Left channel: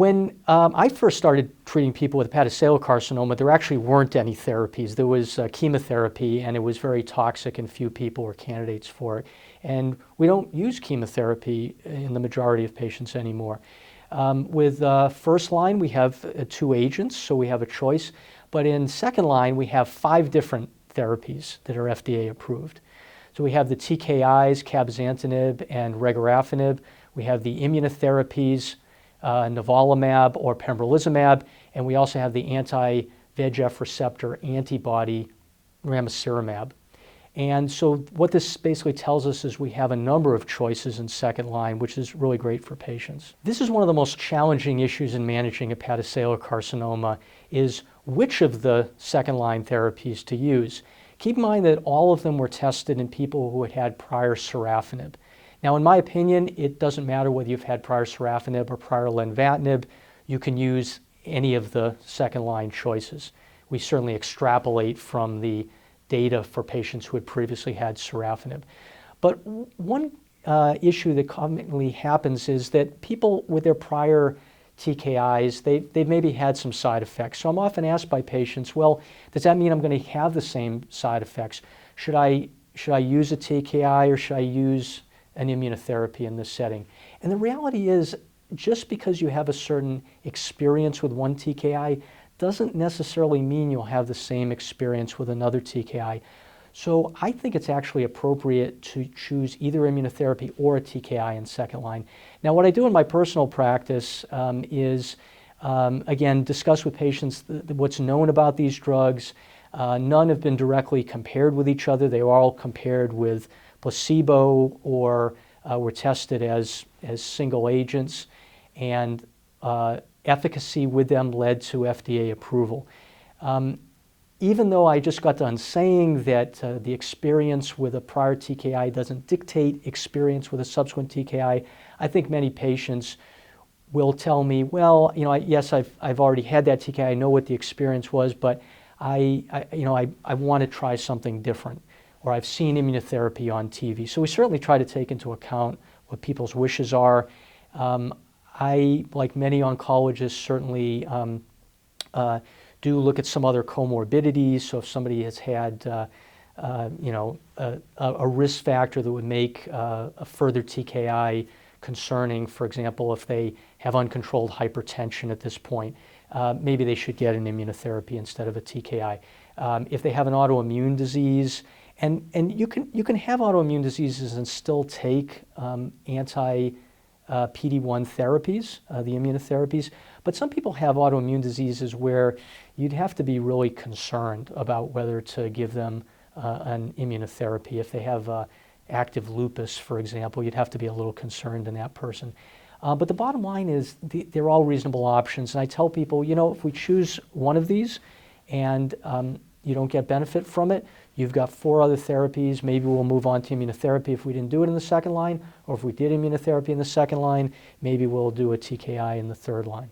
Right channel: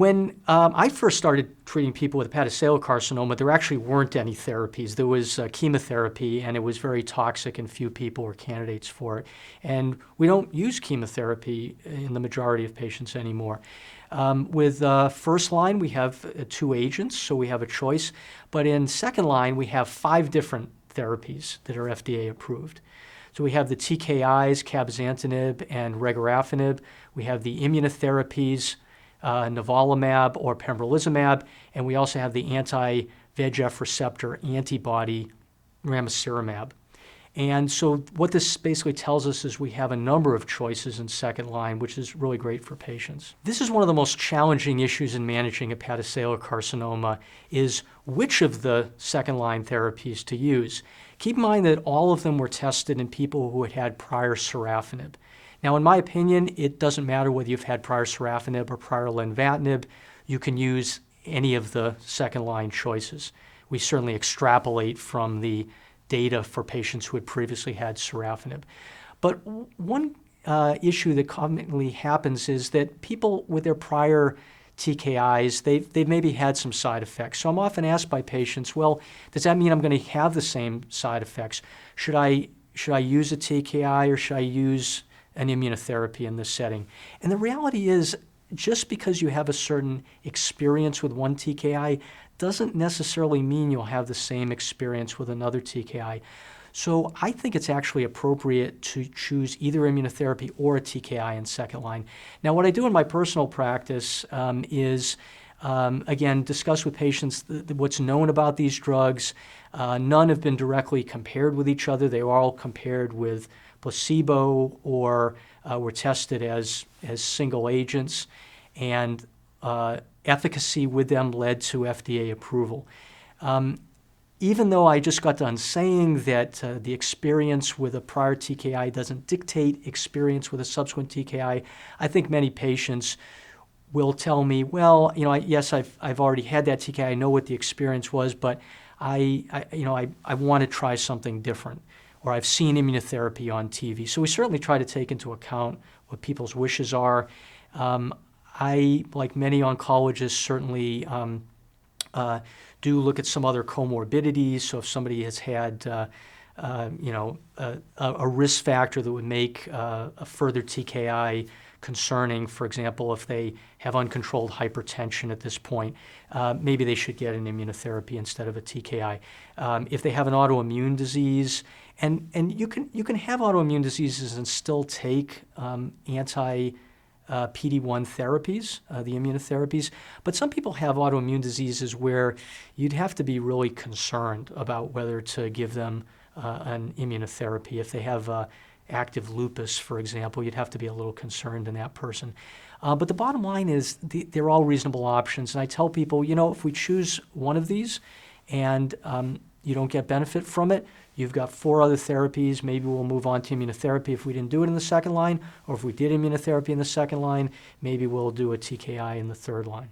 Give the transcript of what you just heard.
When I first started treating people with hepatocellular carcinoma, there actually weren't any therapies. There was chemotherapy, and it was very toxic, and few people were candidates for it. And we don't use chemotherapy in the majority of patients anymore. With first line, we have 2 agents, so we have a choice. But in second line, we have 5 different therapies that are FDA approved. So we have the TKIs, cabozantinib and regorafenib. We have the immunotherapies, nivolumab or pembrolizumab, and we also have the anti-VEGF receptor antibody ramucirumab. And so what this basically tells us is we have a number of choices in second line, which is really great for patients. This is one of the most challenging issues in managing hepatocellular carcinoma, is which of the second line therapies to use. Keep in mind that all of them were tested in people who had had prior sorafenib. Now, in my opinion, it doesn't matter whether you've had prior sorafenib or prior lenvatinib. You can use any of the second-line choices. We certainly extrapolate from the data for patients who had previously had sorafenib. But one issue that commonly happens is that people with their prior TKIs, they've maybe had some side effects. So I'm often asked by patients, well, does that mean I'm going to have the same side effects? Should I use a TKI or should I use an immunotherapy in this setting? And the reality is, just because you have a certain experience with one TKI doesn't necessarily mean you'll have the same experience with another TKI. So I think it's actually appropriate to choose either immunotherapy or a TKI in second line. Now, what I do in my personal practice is, again, discuss with patients what's known about these drugs. None have been directly compared with each other. They are all compared with placebo or were tested as single agents, and efficacy with them led to FDA approval. Even though I just got done saying that the experience with a prior TKI doesn't dictate experience with a subsequent TKI, I think many patients will tell me, well, yes, I've already had that TKI, I know what the experience was, but I want to try something different, or I've seen immunotherapy on TV. So we certainly try to take into account what people's wishes are. I, like many oncologists, certainly do look at some other comorbidities. So if somebody has had, a risk factor that would make a further TKI concerning, for example, if they have uncontrolled hypertension at this point, maybe they should get an immunotherapy instead of a TKI. If they have an autoimmune disease, and you can have autoimmune diseases and still take anti-PD-1 therapies, the immunotherapies, but some people have autoimmune diseases where you'd have to be really concerned about whether to give them an immunotherapy. If they have active lupus, for example, you'd have to be a little concerned in that person. But the bottom line is they're all reasonable options. And I tell people, if we choose one of these and you don't get benefit from it, you've got 4 other therapies. Maybe we'll move on to immunotherapy if we didn't do it in the second line, or if we did immunotherapy in the second line, maybe we'll do a TKI in the third line.